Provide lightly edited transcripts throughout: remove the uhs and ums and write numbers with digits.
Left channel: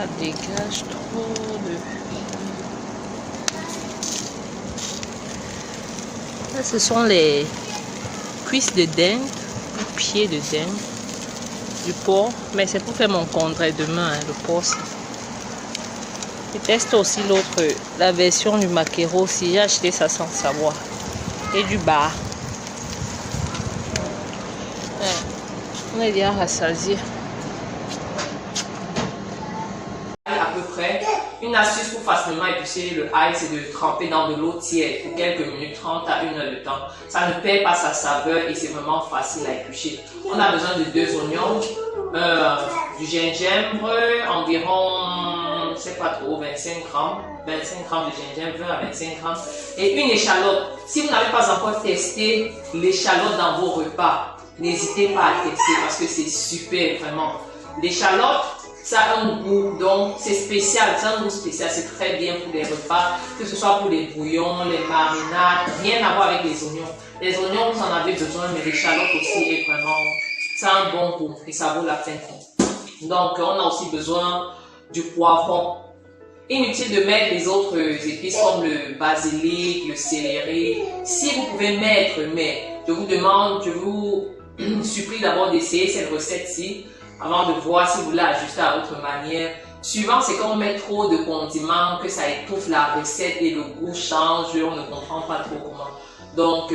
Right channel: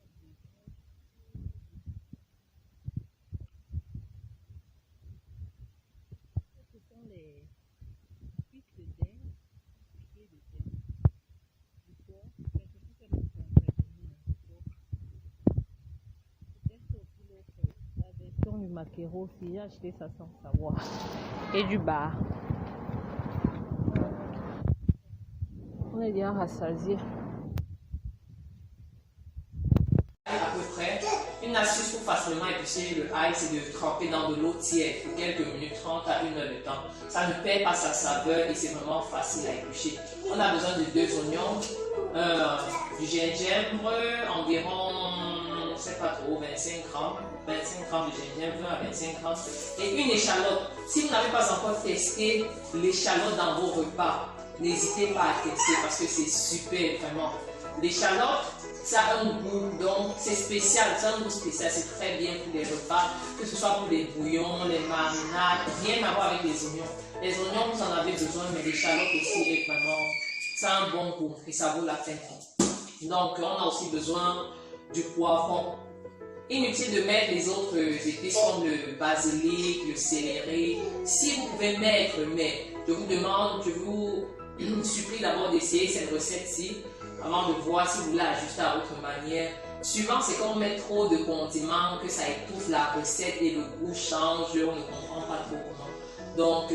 Ça dégage trop de... Là, ce sont les cuisses de dinde, ou pieds de dinde, du porc. Mais c'est pour faire mon congèle demain, hein, le porc. Je teste aussi l'autre, la version du maquereau aussi. J'ai acheté ça sans savoir. Et du bar. On est déjà rassasié. À peu près, une astuce pour facilement éplucher le ail, c'est de tremper dans de l'eau tiède pour quelques minutes, 30 à 1 heure de temps. Ça ne perd pas sa saveur et c'est vraiment facile à éplucher. On a besoin de 2 oignons, du gingembre, environ, je sais pas trop, 25 grammes de gingembre, 20 à 25 grammes, et une échalote. Si vous n'avez pas encore testé l'échalote dans vos repas, n'hésitez pas à tester parce que c'est super vraiment. L'échalote, ça a un goût, donc c'est spécial, c'est un goût spécial, c'est très bien pour les repas, que ce soit pour les bouillons, les marinades, rien à voir avec les oignons. Les oignons, vous en avez besoin, mais l'échalote aussi est vraiment, ça a un bon goût et ça vaut la peine. Donc, on a aussi besoin du poivron. Inutile de mettre les autres épices comme le basilic, le céleri. Si vous pouvez mettre, mais je vous demande, je vous supplie d'abord d'essayer cette recette-ci avant de voir si vous l'ajuster à votre manière. Suivant, c'est quand on met trop de condiments, que ça étouffe la recette et le goût change, on ne comprend pas trop comment. Donc,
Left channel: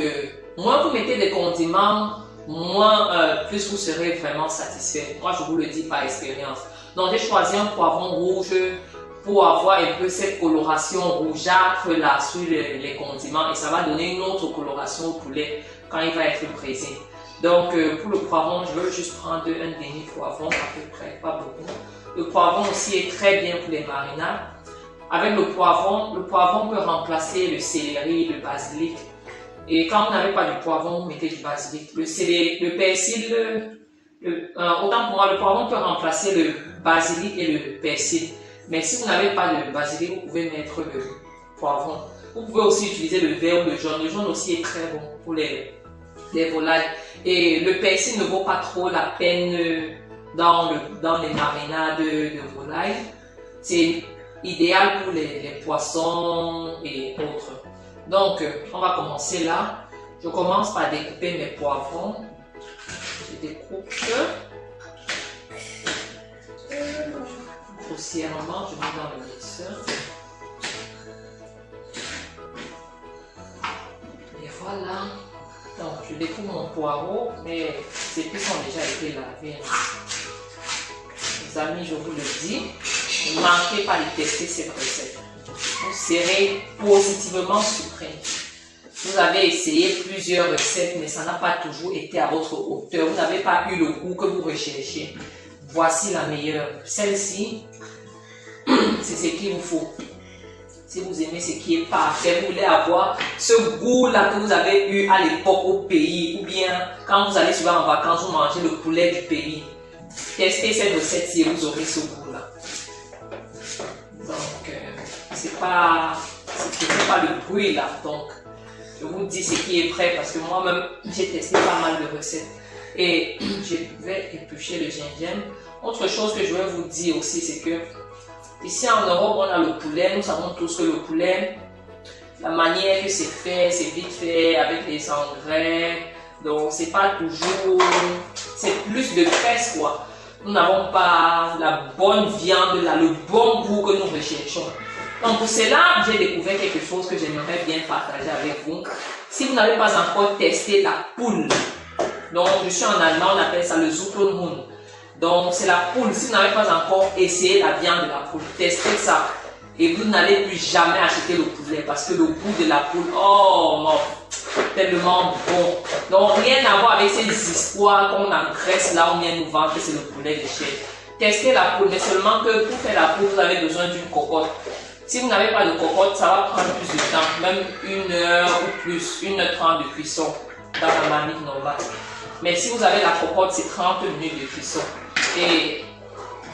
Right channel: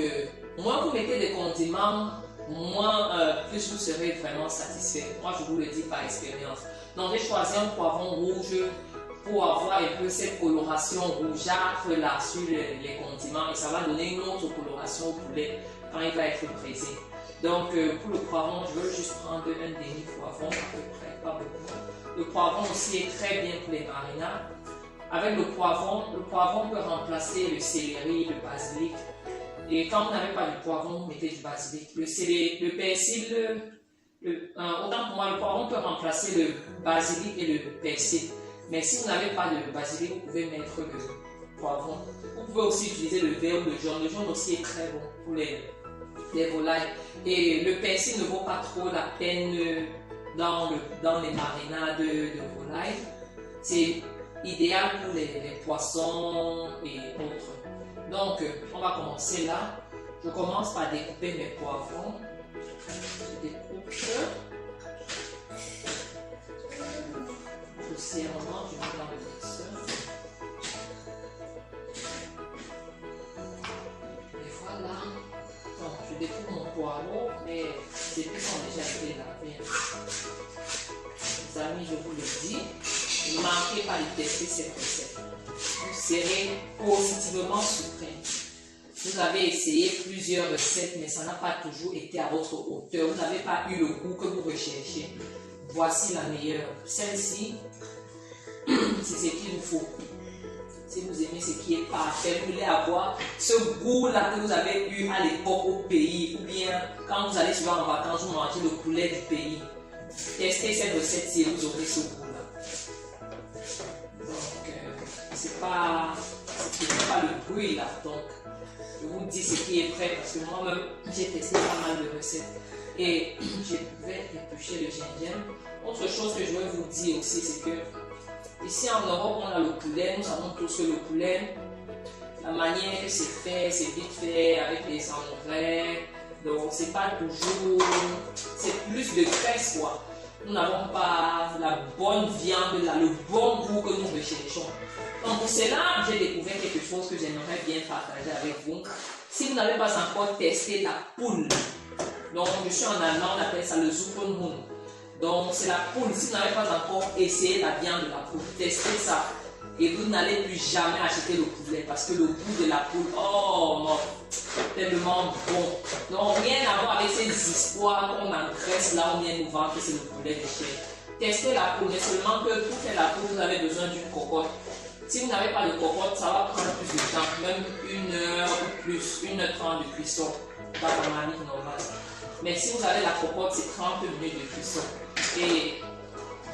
moins vous mettez des condiments, moins plus vous serez vraiment satisfait. Moi, je vous le dis par expérience. Donc, j'ai choisi un poivron rouge pour avoir un peu cette coloration rougeâtre là sur les condiments et ça va donner une autre coloration au poulet quand il va être braisé. Donc pour le poivron, je veux juste prendre un demi-poivron à peu près, pas beaucoup. Le poivron aussi est très bien pour les marinades. Avec le poivron peut remplacer le céleri, le basilic. Et quand vous n'avez pas du poivron, vous mettez du basilic. Le persil, autant pour moi, le poivron peut remplacer le basilic et le persil. Mais si vous n'avez pas de basilic, vous pouvez mettre le poivron. Vous pouvez aussi utiliser le vert ou le jaune. Le jaune aussi est très bon pour les volailles. Et le persil ne vaut pas trop la peine dans les marinades de volailles. C'est idéal pour les poissons et autres. Donc, on va commencer là. Je commence par découper mes poivrons. Je découpe grossièrement, je mets dans le mixeur. Et voilà. Donc, je découpe mon poireau, mais ces épices ont déjà été lavées. Les amis, je vous le dis, ne manquez pas de tester cette recette. Vous serez positivement surpris. Vous avez essayé plusieurs recettes, mais ça n'a pas toujours été à votre hauteur. Vous n'avez pas eu le goût que vous recherchez. Voici la meilleure. Celle-ci, c'est ce qu'il vous faut. Si vous aimez ce qui est parfait, vous voulez avoir ce goût-là que vous avez eu à l'époque au pays, ou bien quand vous allez souvent en vacances, vous mangez le poulet du pays. Testez cette recette-ci et vous aurez ce goût-là. Donc, c'est pas le bruit là. Donc, je vous dis ce qui est prêt parce que moi-même, j'ai testé pas mal de recettes. Et je vais éplucher le gingembre. Autre chose que je vais vous dire aussi, c'est que ici en Europe, on a le poulet. Nous savons tous que le poulet, la manière que c'est fait, c'est vite fait avec des engrais. Donc, c'est pas toujours. C'est plus de graisse, quoi. Nous n'avons pas la bonne viande, le bon goût que nous recherchons. Donc, pour cela, j'ai découvert quelque chose que j'aimerais bien partager avec vous. Si vous n'avez pas encore testé la poule, donc je suis en allemand, on appelle ça le Zuchenhund. Donc, c'est la poule. Si vous n'avez pas encore essayé la viande de la poule, testez ça. Et vous n'allez plus jamais acheter le poulet parce que le goût de la poule, oh non, tellement bon. Donc, rien à voir avec ces histoires qu'on engraisse là, on vient nous vendre que c'est le poulet de chair. Testez la poule, mais seulement que pour faire la poule, vous avez besoin d'une cocotte. Si vous n'avez pas de cocotte, ça va prendre plus de temps, même 1 heure ou plus, 1h30 de cuisson dans la marmite normale. Mais si vous avez la cocotte, c'est 30 minutes de cuisson. Et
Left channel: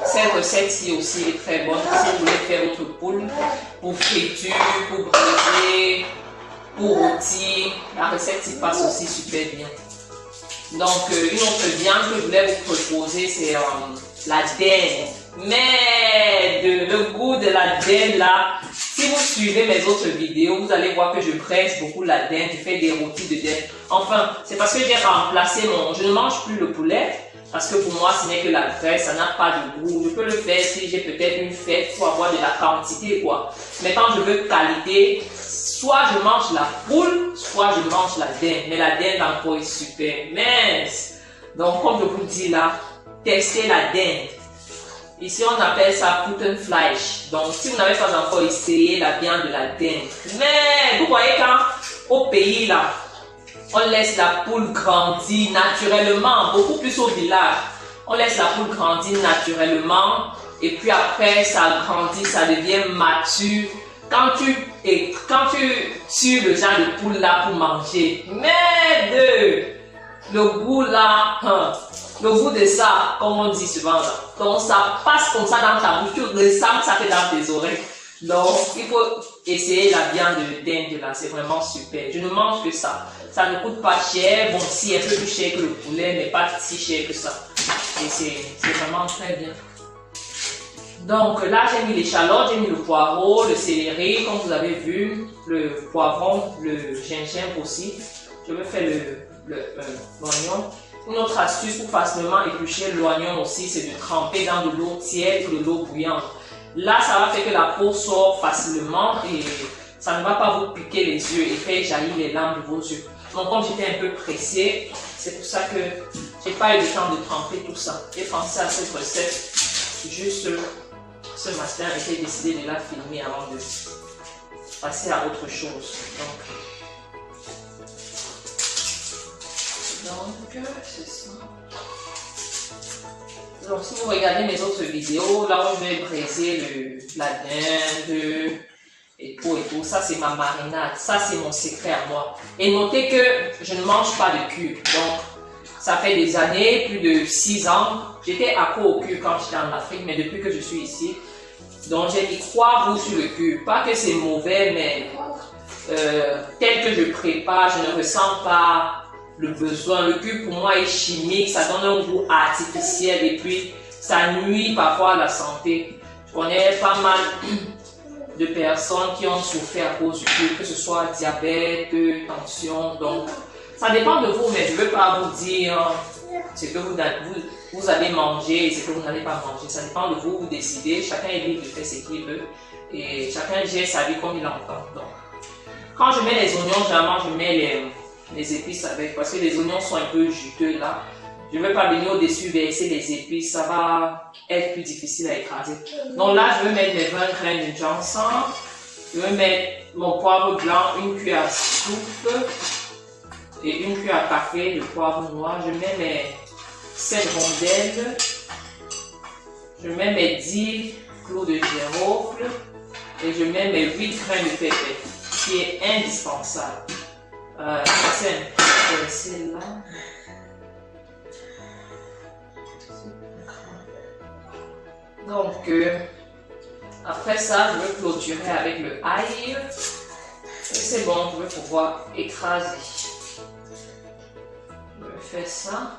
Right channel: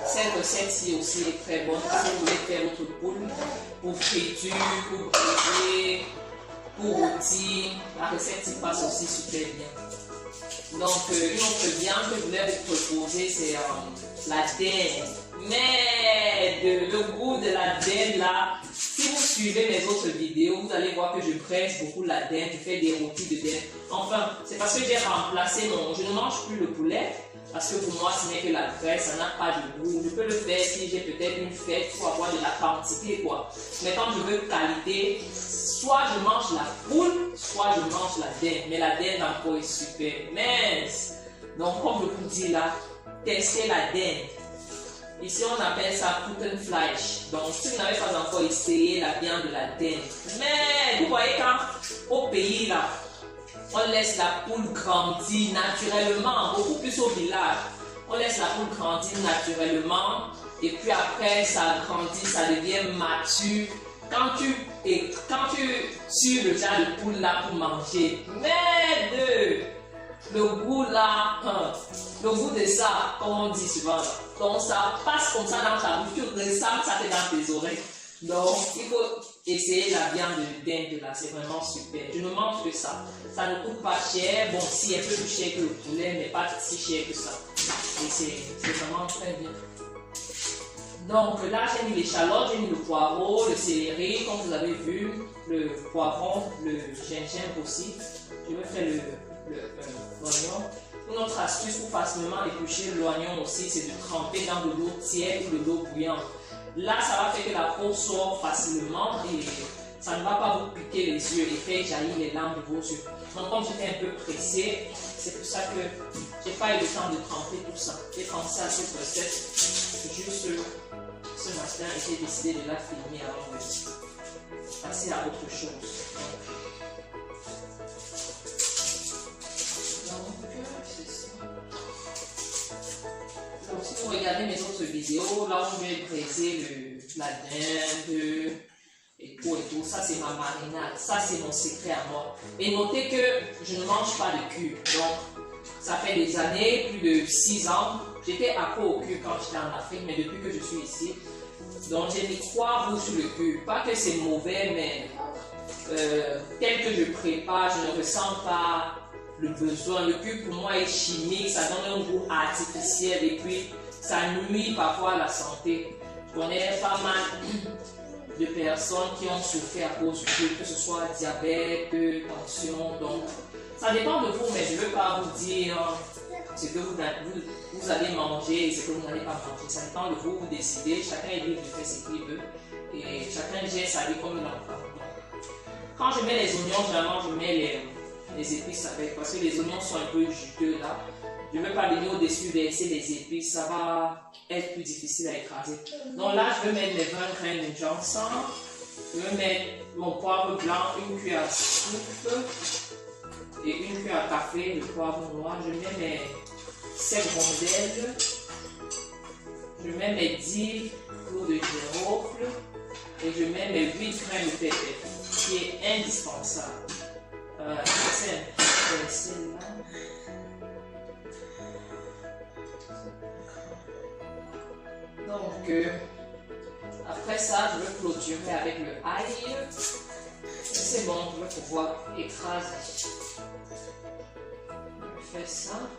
cette recette-ci aussi est très bonne. Si vous voulez faire votre poule pour friture, pour braiser, pour rôtir, la recette s'y passe aussi super bien. Donc, une autre viande que je voulais vous proposer, c'est la dinde. Mais le goût de la dinde là, si vous suivez mes autres vidéos, vous allez voir que je presse beaucoup la dinde, je fais des rôtis de dinde. Enfin, c'est parce que j'ai remplacé je ne mange plus le poulet, parce que pour moi, ce n'est que la graisse, ça n'a pas de goût. Je peux le faire si j'ai peut-être une fête pour avoir de la quantité, quoi. Mais quand je veux qualité, soit je mange la poule, soit je mange la dinde. Mais la dinde encore est super mince. Donc, comme je vous dis là, testez la dinde. Ici, on appelle ça Putenfleisch. Donc, si vous n'avez pas encore essayé la viande de la dinde. Mais, vous voyez quand, au pays là, on laisse la poule grandir naturellement, beaucoup plus au village. On laisse la poule grandir naturellement et puis après ça grandit, ça devient mature. Quand tu tues le genre de poule là pour manger, merde, le goût là, le goût de ça, comme on dit souvent là, donc ça passe comme ça dans ta bouche, tu ressens ça fait dans tes oreilles. Donc, il faut essayer la viande de dinde là, c'est vraiment super. Je ne mange que ça. Ça ne coûte pas cher. Bon, si un peu plus cher que le poulet, mais pas si cher que ça. Et c'est vraiment très bien. Donc là, j'ai mis l'échalote, j'ai mis le poireau, le céleri, comme vous avez vu, le poivron, le gingembre aussi. Je vais faire l'oignon. Une autre astuce pour facilement éplucher l'oignon aussi, c'est de tremper dans de l'eau tiède ou de l'eau bouillante. Là, ça va faire que la peau sort facilement et ça ne va pas vous piquer les yeux et faire jaillir les larmes de vos yeux. Donc, comme j'étais un peu pressée, c'est pour ça que j'ai pas eu le temps de tremper tout ça. J'ai pensé à cette recette juste ce matin et j'ai décidé de la filmer avant de passer à autre chose. Donc c'est ça. Donc, si vous regardez mes autres vidéos, là où je vais braiser la dinde et tout, ça c'est ma marinade, ça c'est mon secret à moi. Et notez que je ne mange pas de cube. Donc, ça fait des années, plus de 6 ans, j'étais accro au cube quand j'étais en Afrique, mais depuis que je suis ici, donc j'ai mis 3 roues sur le cube. Pas que c'est mauvais, mais tel que je prépare, je ne ressens pas le besoin. Le cube pour moi est chimique, ça donne un goût artificiel et puis ça nuit parfois à la santé. Je connais pas mal de personnes qui ont souffert à cause du cube, que ce soit diabète, tension. Donc ça dépend de vous, mais je ne veux pas vous dire ce que vous allez manger et ce que vous n'allez pas manger. Ça dépend de vous, vous décidez. Chacun est libre de faire ce qu'il veut et chacun gère sa vie comme il entend. Donc, quand je mets les oignons, généralement je mets les épices avec, parce que les oignons sont un peu juteux là. Je ne vais pas venir au-dessus verser les épices, ça va être plus difficile à écraser. Donc là, je vais mettre mes 20 graines de ginseng. Je vais mettre mon poivre blanc, une cuillère à soupe et une cuillère à café de poivre noir. Je mets mes 7 rondelles. Je mets mes 10 clous de girofle et je mets mes 8 graines de pépé, qui est indispensable. C'est là. Donc, après ça, je vais clôturer avec le ail. C'est bon, je vais pouvoir écraser. Je vais faire ça.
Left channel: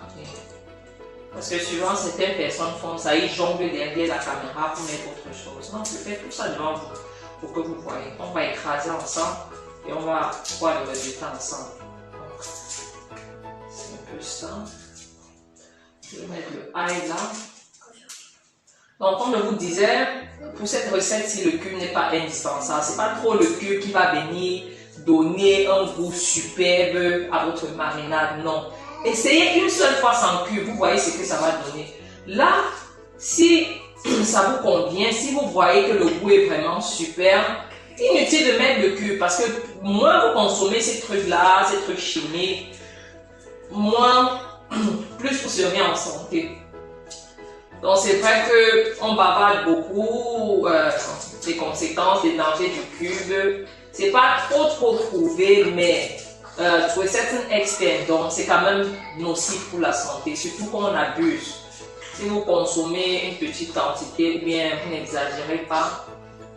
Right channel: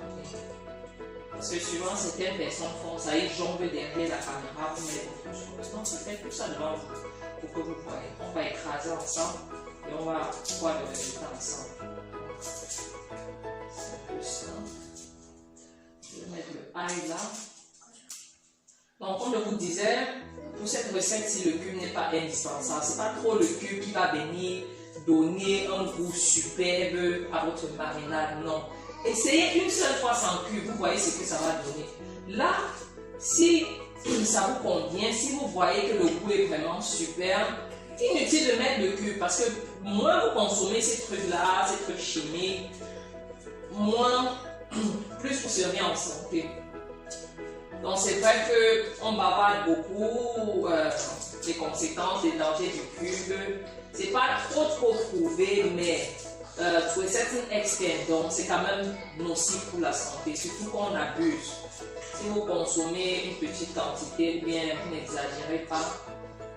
Parce que souvent, certaines personnes font ça, ils jonglent derrière la caméra pour mettre autre chose. Non, je fais tout ça devant vous pour que vous voyez. On va écraser ensemble et on va voir le résultat ensemble. C'est un peu ça. Je vais mettre le ail là. Donc, comme je vous disais, pour cette recette-ci, le cube n'est pas indispensable. Ce n'est pas trop le cube qui va venir donner un goût superbe à votre marinade, non. Essayez une seule fois sans cube, vous voyez ce que ça va donner. Là, si ça vous convient, si vous voyez que le goût est vraiment super, inutile de mettre le cube parce que moins vous consommez ces trucs-là, ces trucs chimiques, moins, plus vous serez en santé. Donc c'est vrai qu'on bavarde beaucoup des conséquences, des dangers du cube. C'est pas trop prouvé, mais pour certains experts, donc c'est quand même nocif pour la santé, surtout quand on abuse. Si vous consommez une petite quantité, bien vous n'exagérez pas,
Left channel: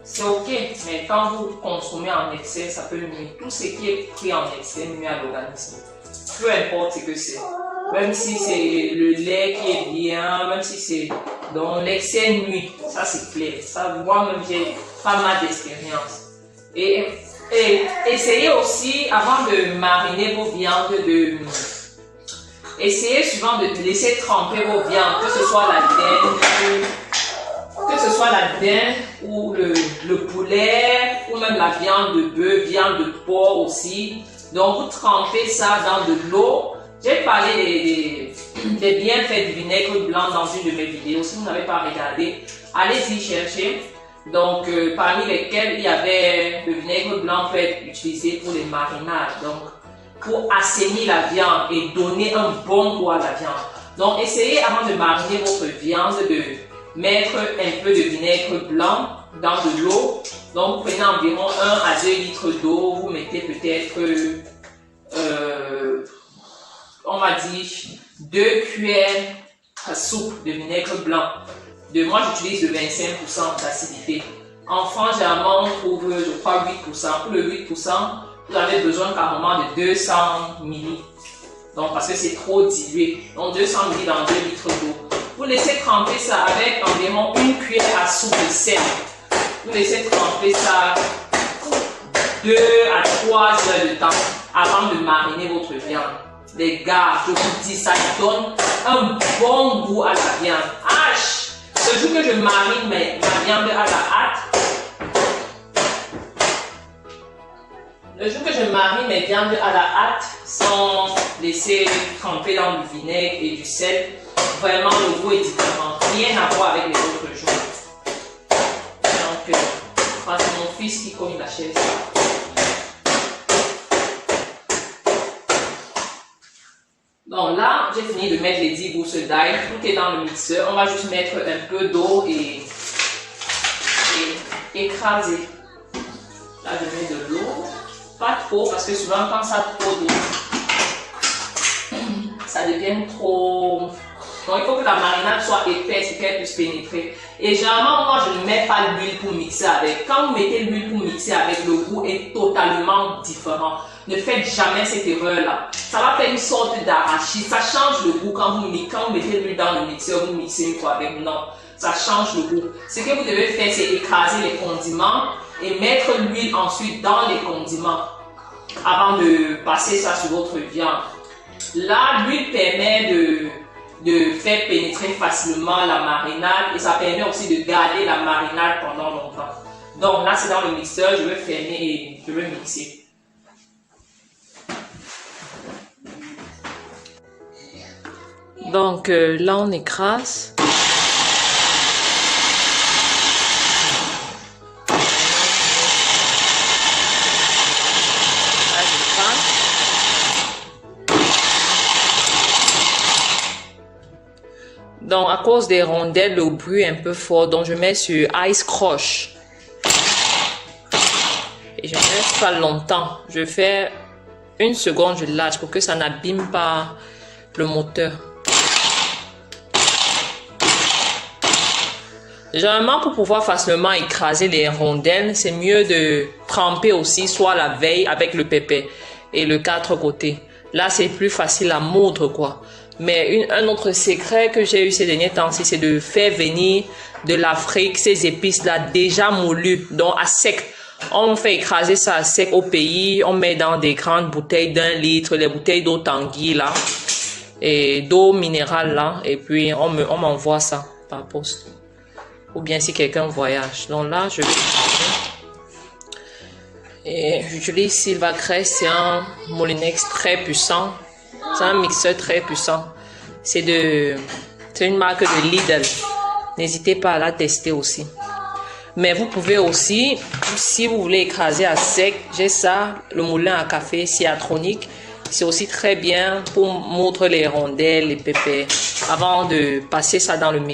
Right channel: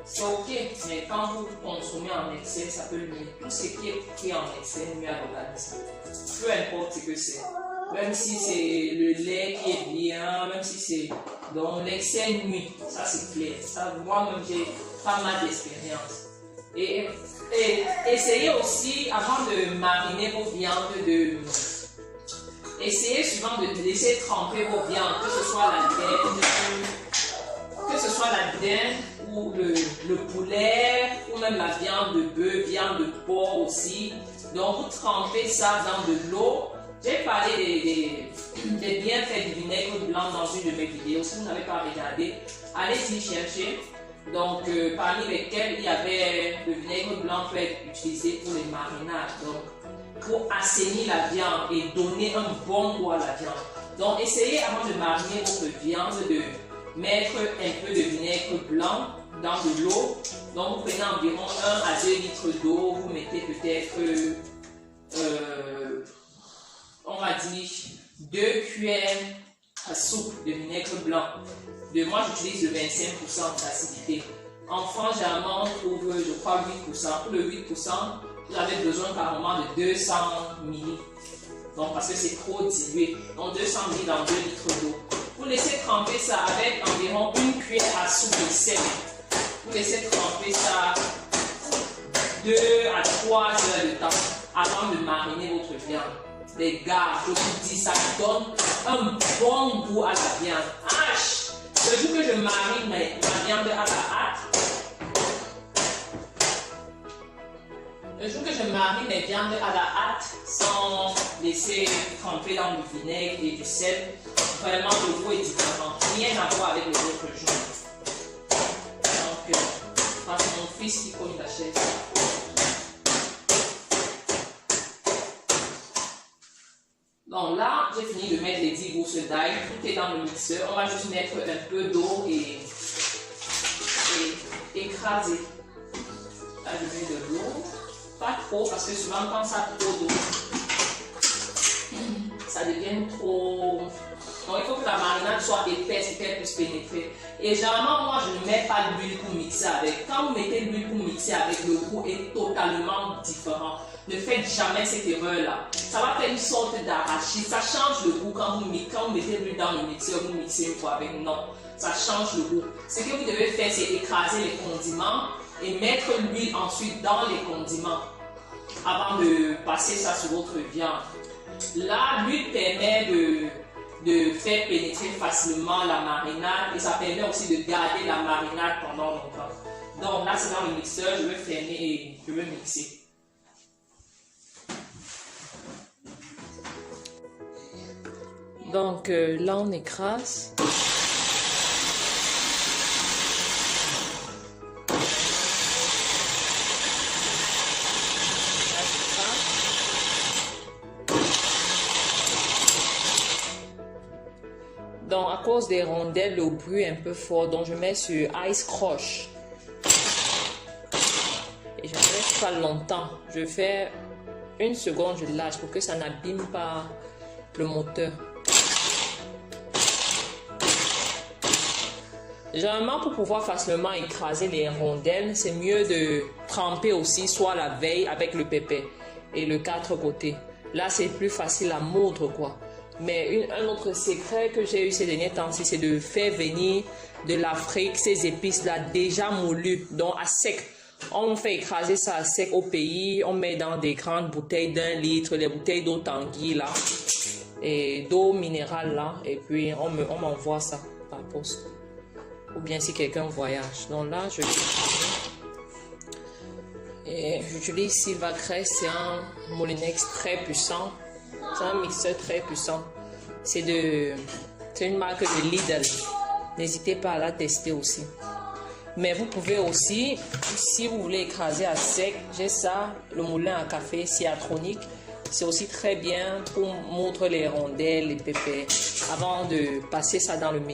c'est ok, mais quand vous consommez en excès, ça peut nuire. Tout ce qui est pris en excès nuit à l'organisme, peu importe ce que c'est. même si c'est le lait qui est bien, même si c'est dans l'excès nuit, ça c'est clair. Ça, moi-même, j'ai pas mal d'expérience. Et essayez aussi, avant de mariner vos viandes, essayez souvent de laisser tremper vos viandes, que ce soit la dinde ou le poulet, ou même la viande de bœuf, viande de porc aussi. Donc, vous trempez ça dans de l'eau. J'ai parlé des bienfaits du vinaigre blanc dans une de mes vidéos. Si vous n'avez pas regardé, allez-y chercher. Donc, parmi lesquels il y avait le vinaigre blanc peut être utilisé pour les marinades. Donc, pour assainir la viande et donner un bon goût à la viande. Donc, essayez avant de mariner votre viande de mettre un peu de vinaigre blanc dans de l'eau. Donc, vous prenez environ 1 à 2 litres d'eau. Vous mettez peut-être, on va dire, 2 cuillères à soupe de vinaigre blanc. Moi, j'utilise le 25% d'acidité. En France, généralement, on trouve, je crois, 8%. Pour le 8%, vous avez besoin carrément de 200 ml. Donc, parce que c'est trop dilué. Donc, 200 ml dans 2 litres d'eau. Vous laissez tremper ça avec environ 1 cuillère à soupe de sel. Vous laissez tremper ça 2 à 3 heures de temps avant de mariner votre viande. Les gars, je vous dis, ça donne un bon goût à la viande. Le jour que je marine ma viande à la hâte, mes viandes à la hâte sans laisser tremper dans du vinaigre et du sel, vraiment le goût est différent. Rien à voir avec les autres jours. Donc, c'est mon fils qui cogne la chaise. Donc là, j'ai fini de mettre les 10 gousses d'ail. Tout est dans le mixeur. On va juste mettre un peu d'eau et écraser. Là, je mets de l'eau. Pas trop, parce que souvent, quand ça a trop d'eau, ça devient trop... Donc, il faut que la marinade soit épaisse et qu'elle puisse pénétrer. Et généralement, moi, je ne mets pas l'huile pour mixer avec. Quand vous mettez l'huile pour mixer avec, le goût est totalement différent. Ne faites jamais cette erreur-là. Ça va faire une sorte d'arachide. Ça change le goût quand vous mettez l'huile dans le mixeur, vous mixez une fois avec. Non, ça change le goût. Ce que vous devez faire, c'est écraser les condiments et mettre l'huile ensuite dans les condiments avant de passer ça sur votre viande. Là, l'huile permet de faire pénétrer facilement la marinade et ça permet aussi de garder la marinade pendant longtemps. Donc là, c'est dans le mixeur. Je vais fermer et je vais mixer. Donc là, on écrase. Donc, à cause des rondelles, le bruit est un peu fort. Donc, je mets sur Ice Crush. Et je ne laisse pas longtemps. Je fais 1 seconde, je lâche pour que ça n'abîme pas le moteur. Généralement, pour pouvoir facilement écraser les rondelles, c'est mieux de tremper aussi soit la veille avec le pépé et le 4 côtés. Là, c'est plus facile à moudre, quoi. Mais un autre secret que j'ai eu ces derniers temps, c'est de faire venir de l'Afrique ces épices-là déjà moulues, donc à sec. On fait écraser ça à sec au pays, on met dans des grandes bouteilles d'1 litre, les bouteilles d'eau Tanguy là, et d'eau minérale là, et puis on m'envoie ça par poste. Ou bien si quelqu'un voyage. Donc là, je vais et j'utilise Silvacrest, c'est un Molinex très puissant. C'est un mixeur très puissant. C'est une marque de Lidl. N'hésitez pas à la tester aussi. Mais vous pouvez aussi, si vous voulez écraser à sec, j'ai ça, le moulin à café Ciatronic. C'est aussi très bien pour moudre les rondelles, les pépés, avant de passer ça dans le mix.